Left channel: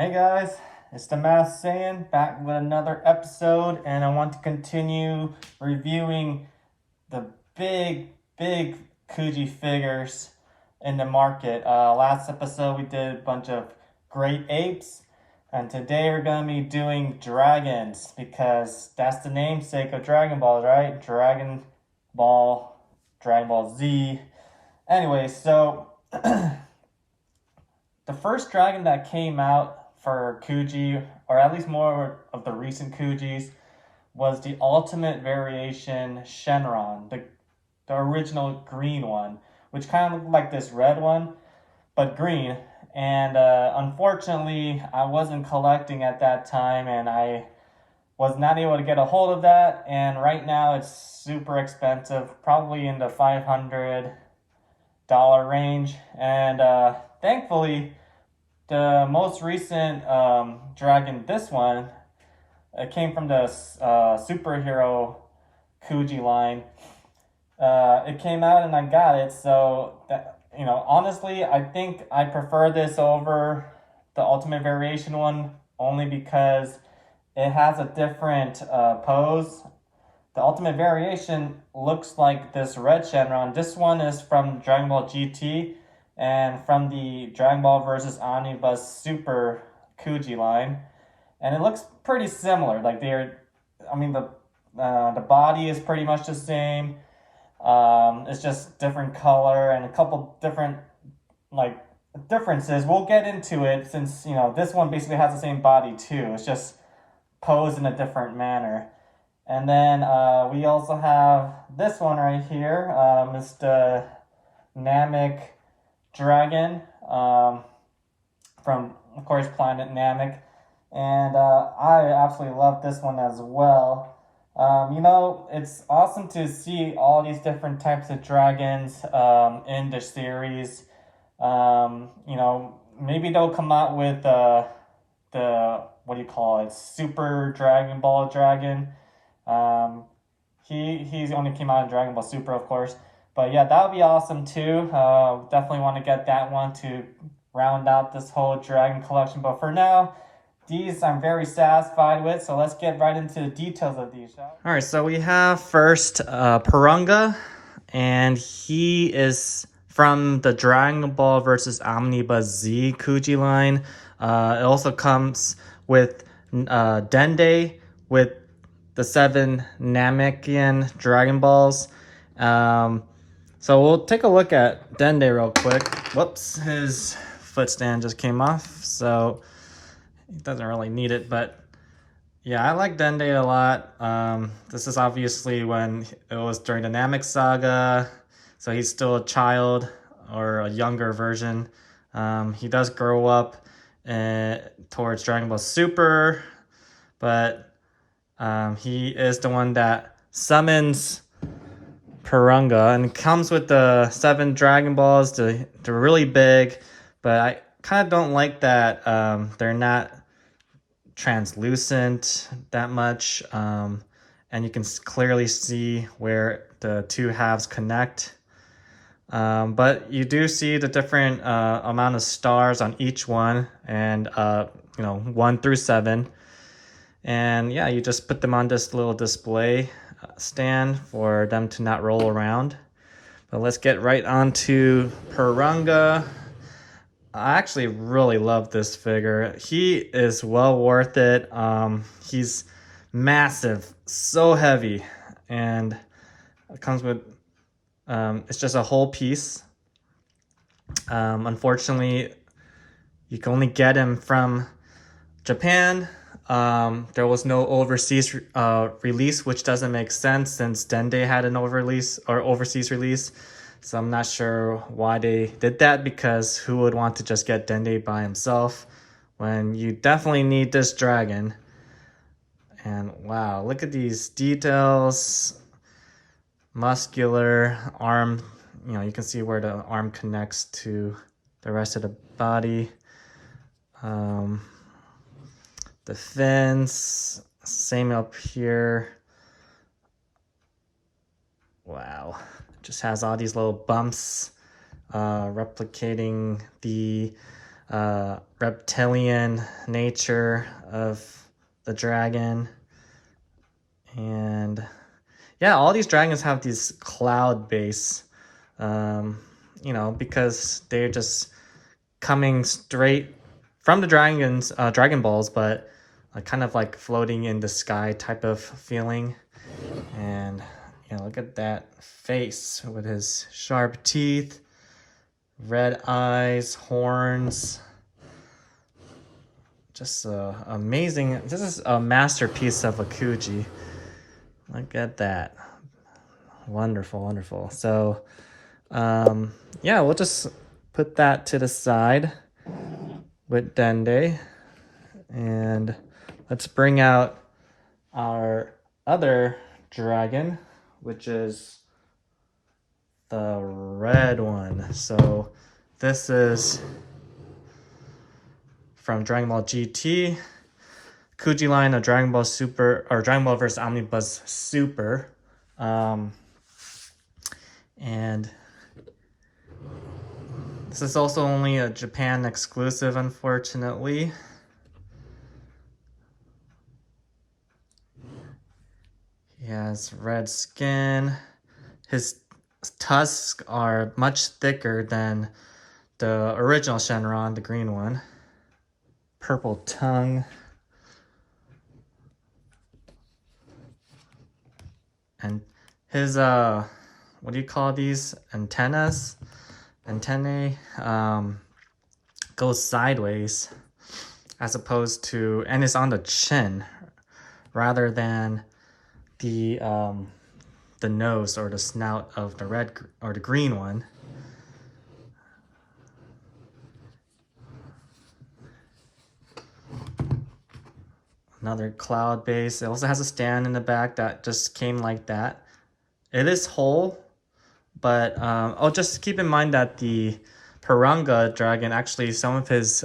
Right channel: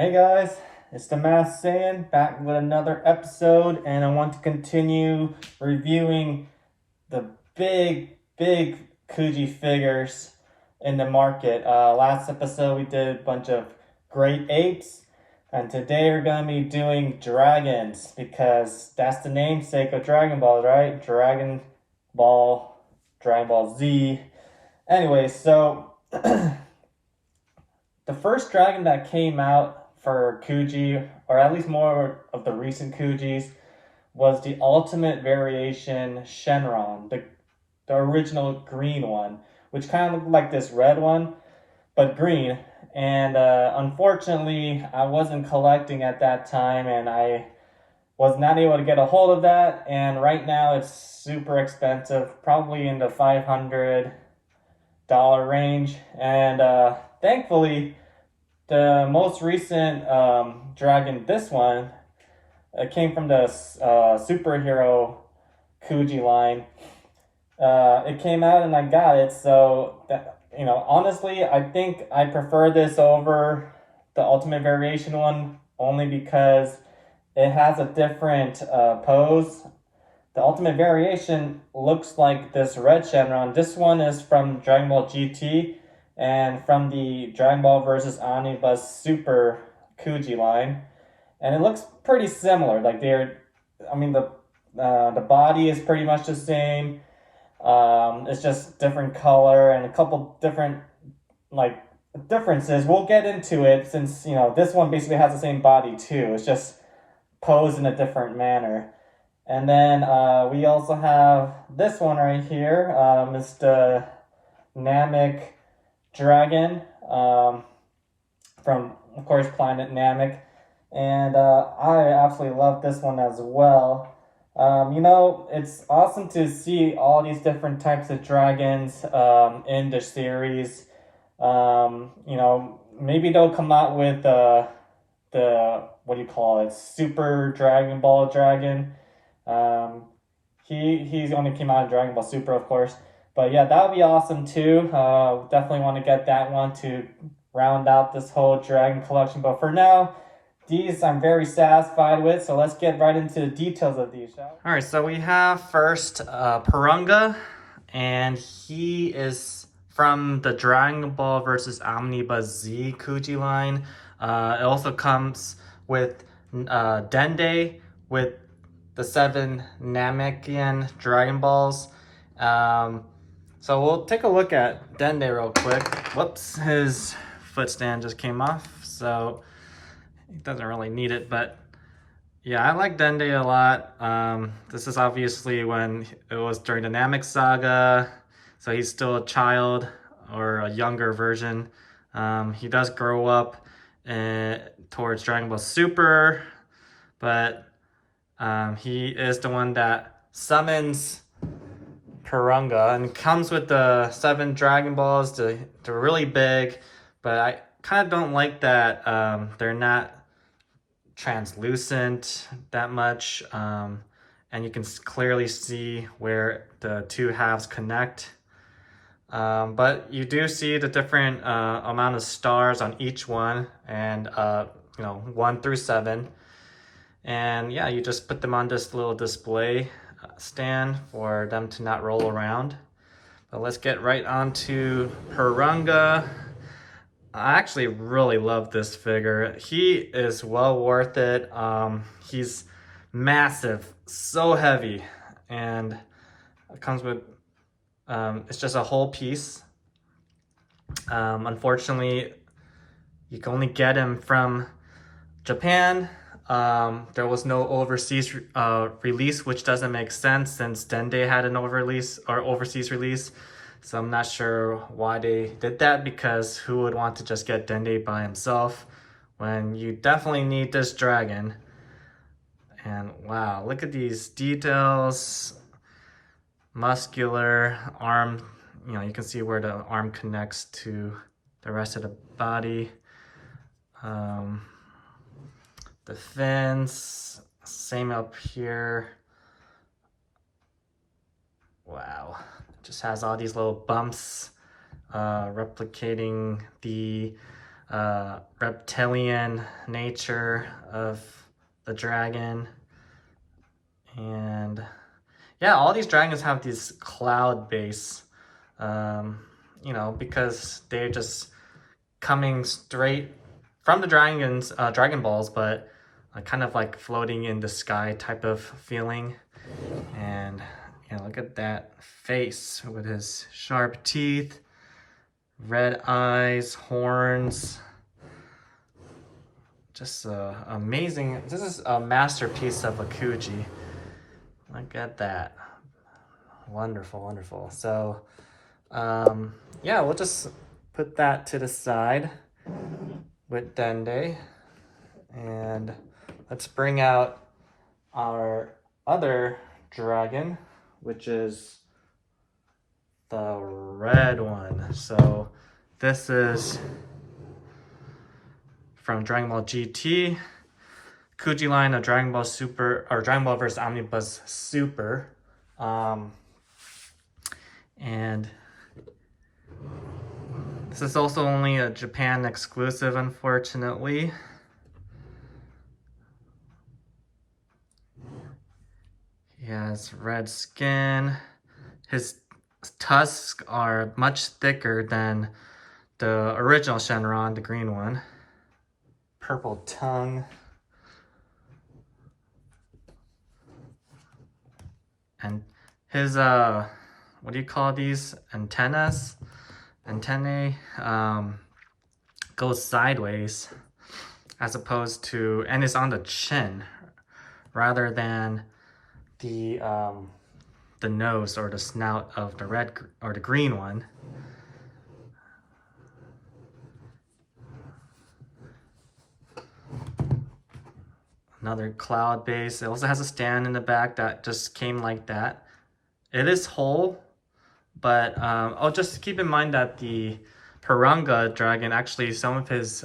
Hey guys, it's the Masked Saiyan back with another episode, and I want to continue reviewing the big Kuji figures in the market. Last episode we did a bunch of great apes, and today we're going to be doing dragons because that's the namesake of Dragon Balls, right? Dragon Ball, Dragon Ball Z. Anyway, so the first dragon that came out for Kuji, or at least more of the recent Kujis, was the ultimate variation Shenron, the original green one, which kind of looked like this red one, but green. And unfortunately, I wasn't collecting at that time, and I was not able to get a hold of that. And right now, it's super expensive, probably in the $500 range. And thankfully, the most recent dragon, this one, it came from the superhero Kuji line. It came out and I got it. So, honestly, I think I prefer this over the Ultimate Variation one only because it has a different pose. The Ultimate Variation looks like this red Shenron. This one is from Dragon Ball GT and from the Dragon Ball versus Omnibus Super Kuji line, and it looks pretty similar. Like the body is pretty much the same. It's just different color and a couple different differences. We'll get into it since this one basically has the same body too. It's just posed in a different manner. And then we also have this one right here, Mr. Namekian Dragon, from, of course, Planet Namek. And I absolutely love this one as well. It's awesome to see all these different types of dragons in the series. Maybe they'll come out with the, what do you call it, Super Dragon Ball Dragon. He's only came out in Dragon Ball Super, of course. But yeah, that would be awesome too. Definitely want to get that one to round out this whole dragon collection. But for now, these I'm very satisfied with. So let's get right into the details of these, shall we? All right, so we have first Porunga, and he is from the Dragon Ball versus Omnibus Z Kuji line. It also comes with Dende with the 7 Namekian Dragon Balls. So we'll take a look at Dende real quick. Whoops, his foot stand just came off, so he doesn't really need it, but yeah, I like Dende a lot. This is obviously when it was during the Namek saga, so he's still a child or a younger version. He does grow up towards Dragon Ball Super, but he is the one that summons Porunga, and comes with the 7 Dragon Balls. They're really big, but I kind of don't like that they're not translucent that much, and you can clearly see where the two halves connect. But you do see the different amount of stars on each one, and 1 through 7. And yeah, you just put them on this little display stand for them to not roll around. But let's get right on to Porunga. I actually really love this figure. He is well worth it. He's massive, so heavy, and it comes with it's just a whole piece. Unfortunately, you can only get him from Japan. There was no overseas release, which doesn't make sense since Dende had an overseas release. So I'm not sure why they did that, because who would want to just get Dende by himself when you definitely need this dragon? And wow, look at these details. Muscular arm, you can see where the arm connects to the rest of the body. The fins, same up here. Wow, just has all these little bumps replicating the reptilian nature of the dragon. And yeah, all these dragons have these cloud base, you know, because they're just coming straight from the dragons, Dragon Balls, but kind of like floating in the sky type of feeling. And you know, look at that face with his sharp teeth, red eyes, horns. Just amazing. This is a masterpiece of a Kuji. Look at that. Wonderful, wonderful. So, yeah, we'll just put that to the side with Dende. And let's bring out our other dragon, which is the red one. So this is from Dragon Ball GT, Kuji line of Dragon Ball Super, or Dragon Ball vs. Omnibus Super. And this is also only a Japan exclusive, unfortunately. He has red skin. His tusks are much thicker than the original Shenron, the green one. Purple tongue. And his, what do you call these? Antennae, goes sideways as opposed to, and it's on the chin rather than the nose or the snout of the red or the green one. Another cloud base. It also has a stand in the back that just came like that. It is whole, but oh, just keep in mind that the Porunga Dragon, actually some of his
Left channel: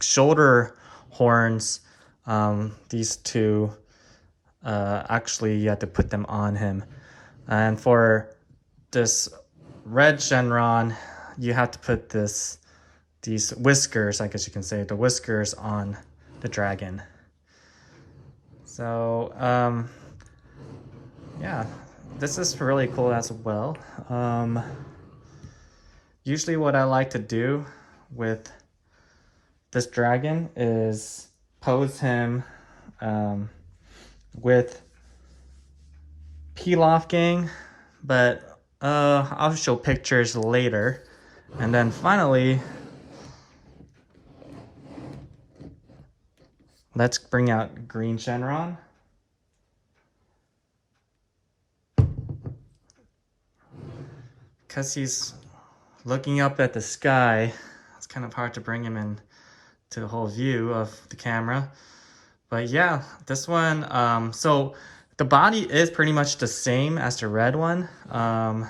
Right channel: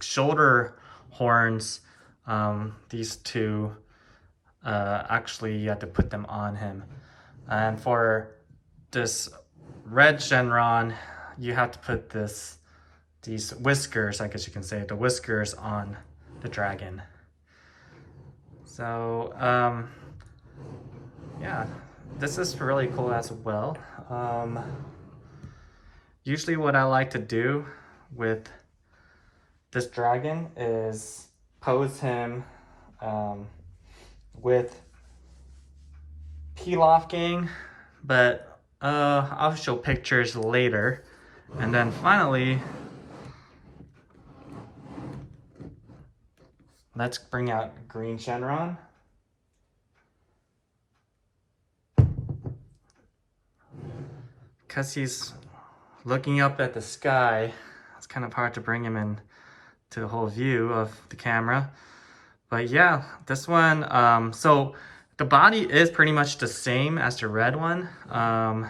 shoulder horns, these two, actually you have to put them on him. And for this red Shenron, you have to put these whiskers, I guess you can say, the whiskers on the dragon. So, yeah, this is really cool as well. Usually what I like to do with this dragon is pose him with Pilaf gang, but I'll show pictures later. And then finally, let's bring out green Shenron. Because he's looking up at the sky, it's kind of hard to bring him in to the whole view of the camera. But yeah, this one, so the body is pretty much the same as the red one. I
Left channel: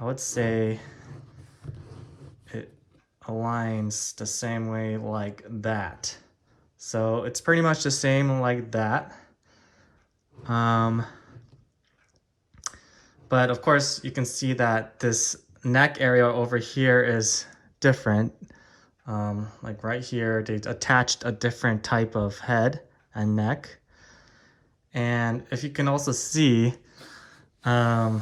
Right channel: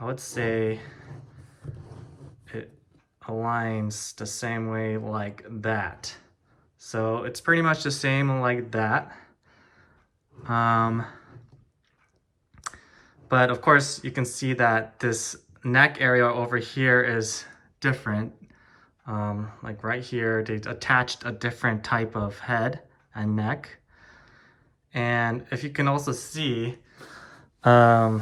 would say it aligns the same way like that. So it's pretty much the same like that. But of course you can see that this neck area over here is different. Like right here, they attached a different type of head and neck. And if you can also see, the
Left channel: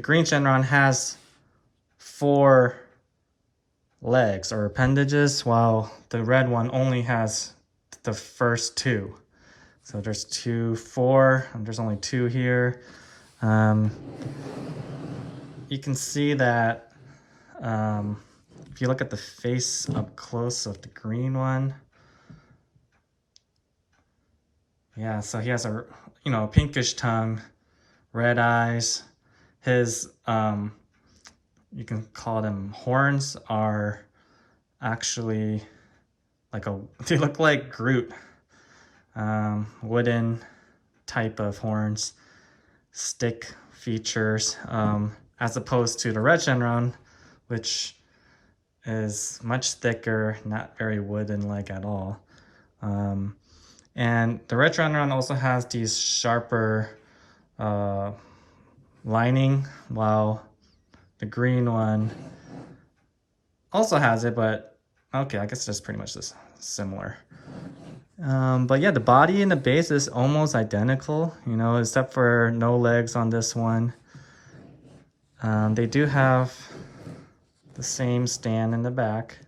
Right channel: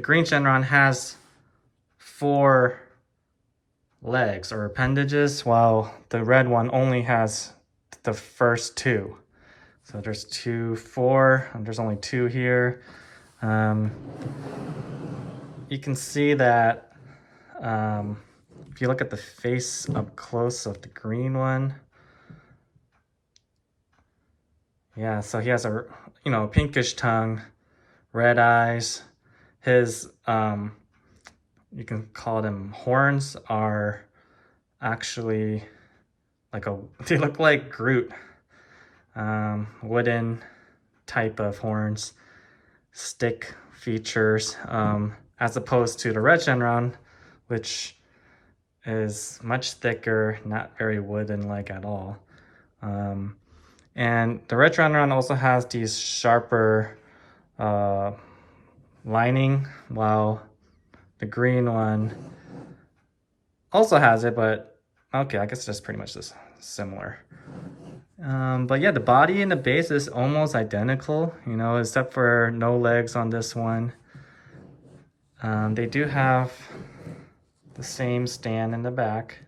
green Shenron has 4 legs or appendages, while the red one only has the first 2. So there's 2, 4, and there's only 2 here. You can see that if you look at the face up close of the green one, yeah, so he has a, you know, pinkish tongue, red eyes. His, you can call them horns, are actually like they look like Groot, wooden type of horns, stick features, as opposed to the red Shenron, which is much thicker, not very wooden-like at all. And the red Shenron also has these sharper lining, while the green one also has it, but okay, I guess that's pretty much this similar. But yeah, the body and the base is almost identical, you know, except for no legs on this one. They do have the same stand in the back,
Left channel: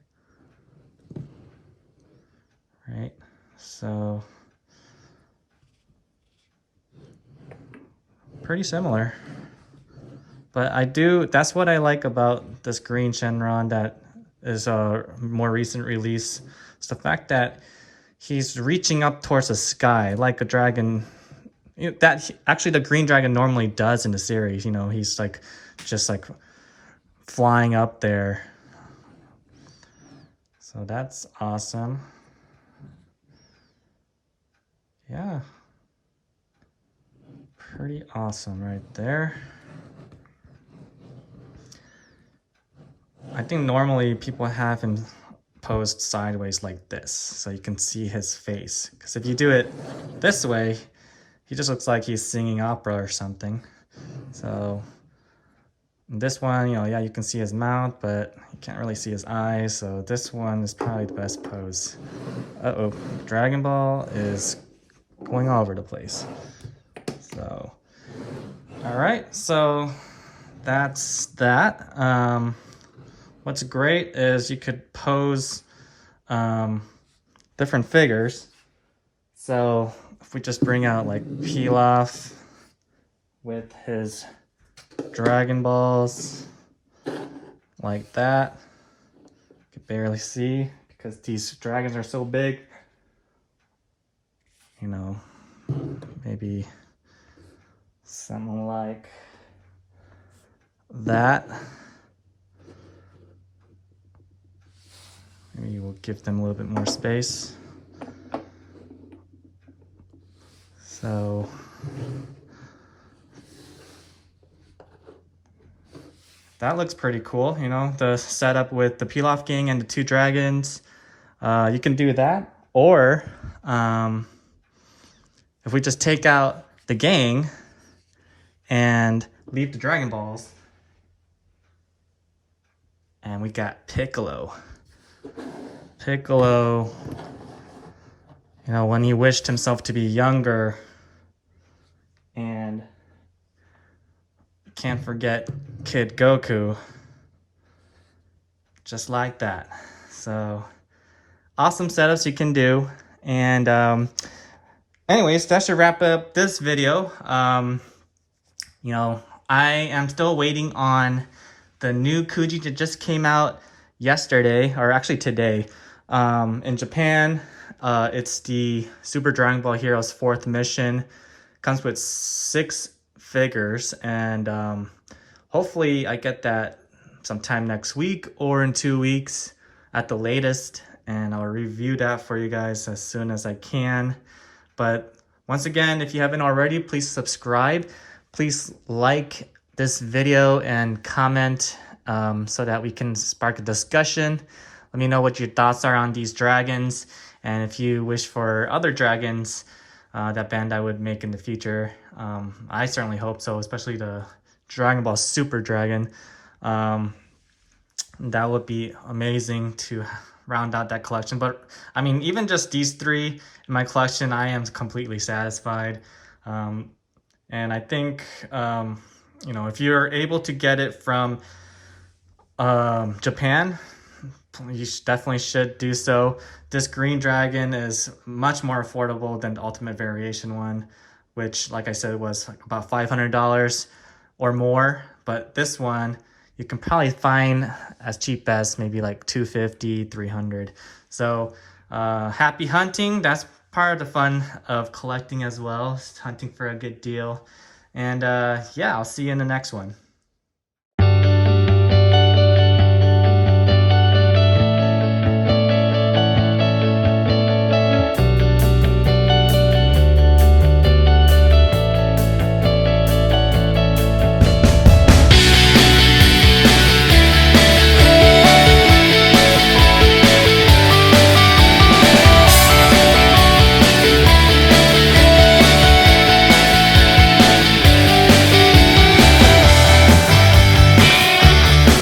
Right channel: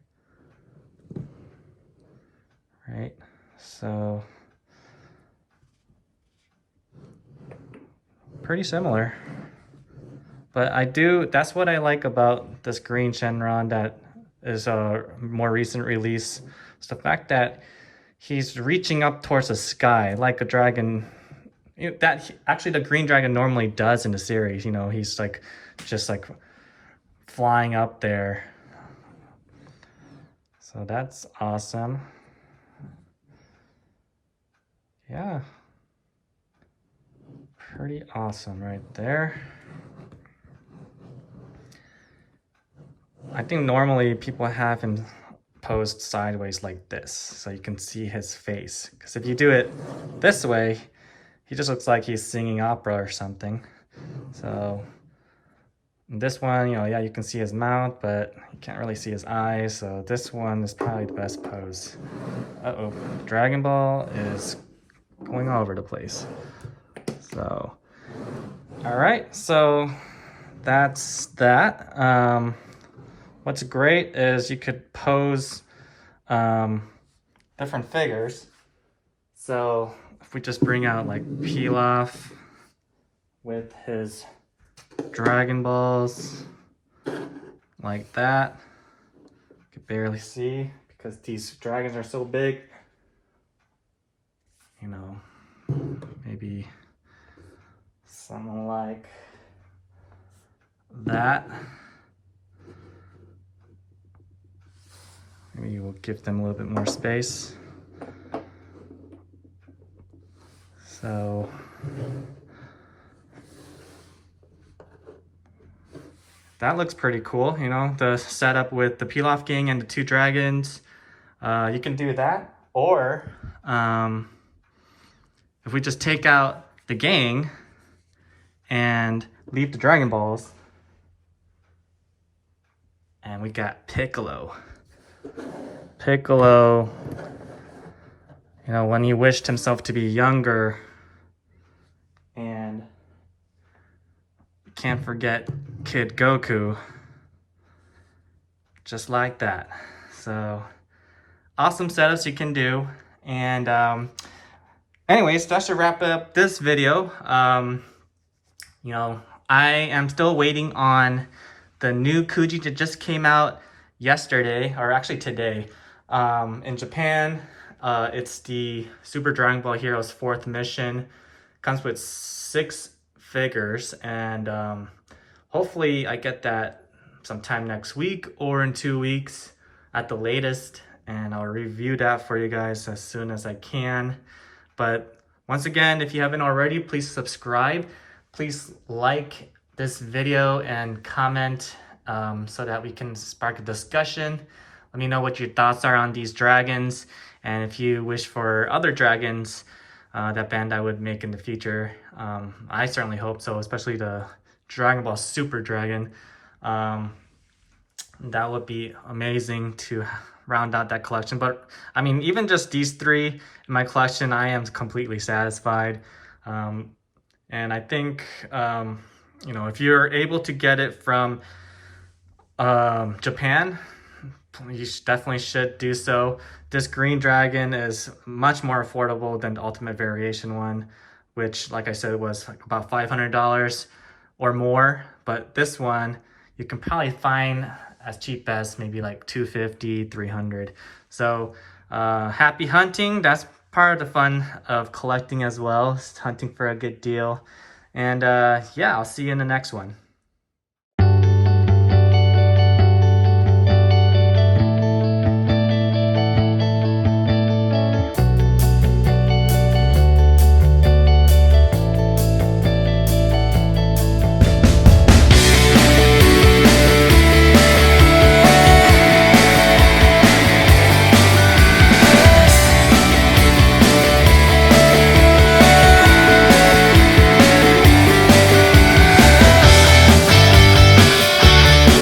right? So pretty similar. But that's what I like about this green Shenron that is a more recent release. It's the fact that he's reaching up towards the sky like a dragon. You know, that actually the green dragon normally does in the series. You know, he's like just like flying up there. So that's awesome. Yeah. Pretty awesome right there. I think normally people have him posed sideways like this, so you can see his face. Because if you do it this way, he just looks like he's singing opera or something. So this one, you know, yeah, you can see his mouth, but you can't really see his eyes. So this one is probably the best pose. Uh-oh, Dragon Ball is going all over the place. So, all right, so that's that. What's great is you could pose different figures. So if we just bring out like Pilaf with his Dragon Balls like that. You can barely see because these dragons are so big. You know, maybe something like that. Maybe we'll give them a little bit more space. So that looks pretty cool, you know, the setup with the Pilaf gang and the two dragons. You can do that, or if we just take out the gang and leave the Dragon Balls, and we got Piccolo. Piccolo, you know, when he wished himself to be younger, and can't forget Kid Goku, just like that. So awesome setups you can do. And anyways, that should wrap up this video. You know, I am still waiting on the new Kuji that just came out yesterday, or actually today, in Japan. It's the Super Dragon Ball Heroes 4th mission. Comes with 6 figures, and hopefully I get that sometime next week or in 2 weeks at the latest, and I'll review that for you guys as soon as I can. But once again, if you haven't already, please subscribe. Please like this video and comment so that we can spark a discussion. Let me know what your thoughts are on these dragons, and if you wish for other dragons that Bandai would make in the future. I certainly hope so, especially the Dragon Ball Super Dragon. That would be amazing to round out that collection. But I mean, even just these 3 in my collection, I am completely satisfied. And I think, you know, if you're able to get it from Japan, you definitely should do so. This green dragon is much more affordable than the Ultimate Variation one, which, like I said, was like about $500 or more. But this one, you can probably find as cheap as maybe like $250, $300. So happy hunting. That's part of the fun of collecting as well, hunting for a good deal. And yeah, I'll see you in the next one.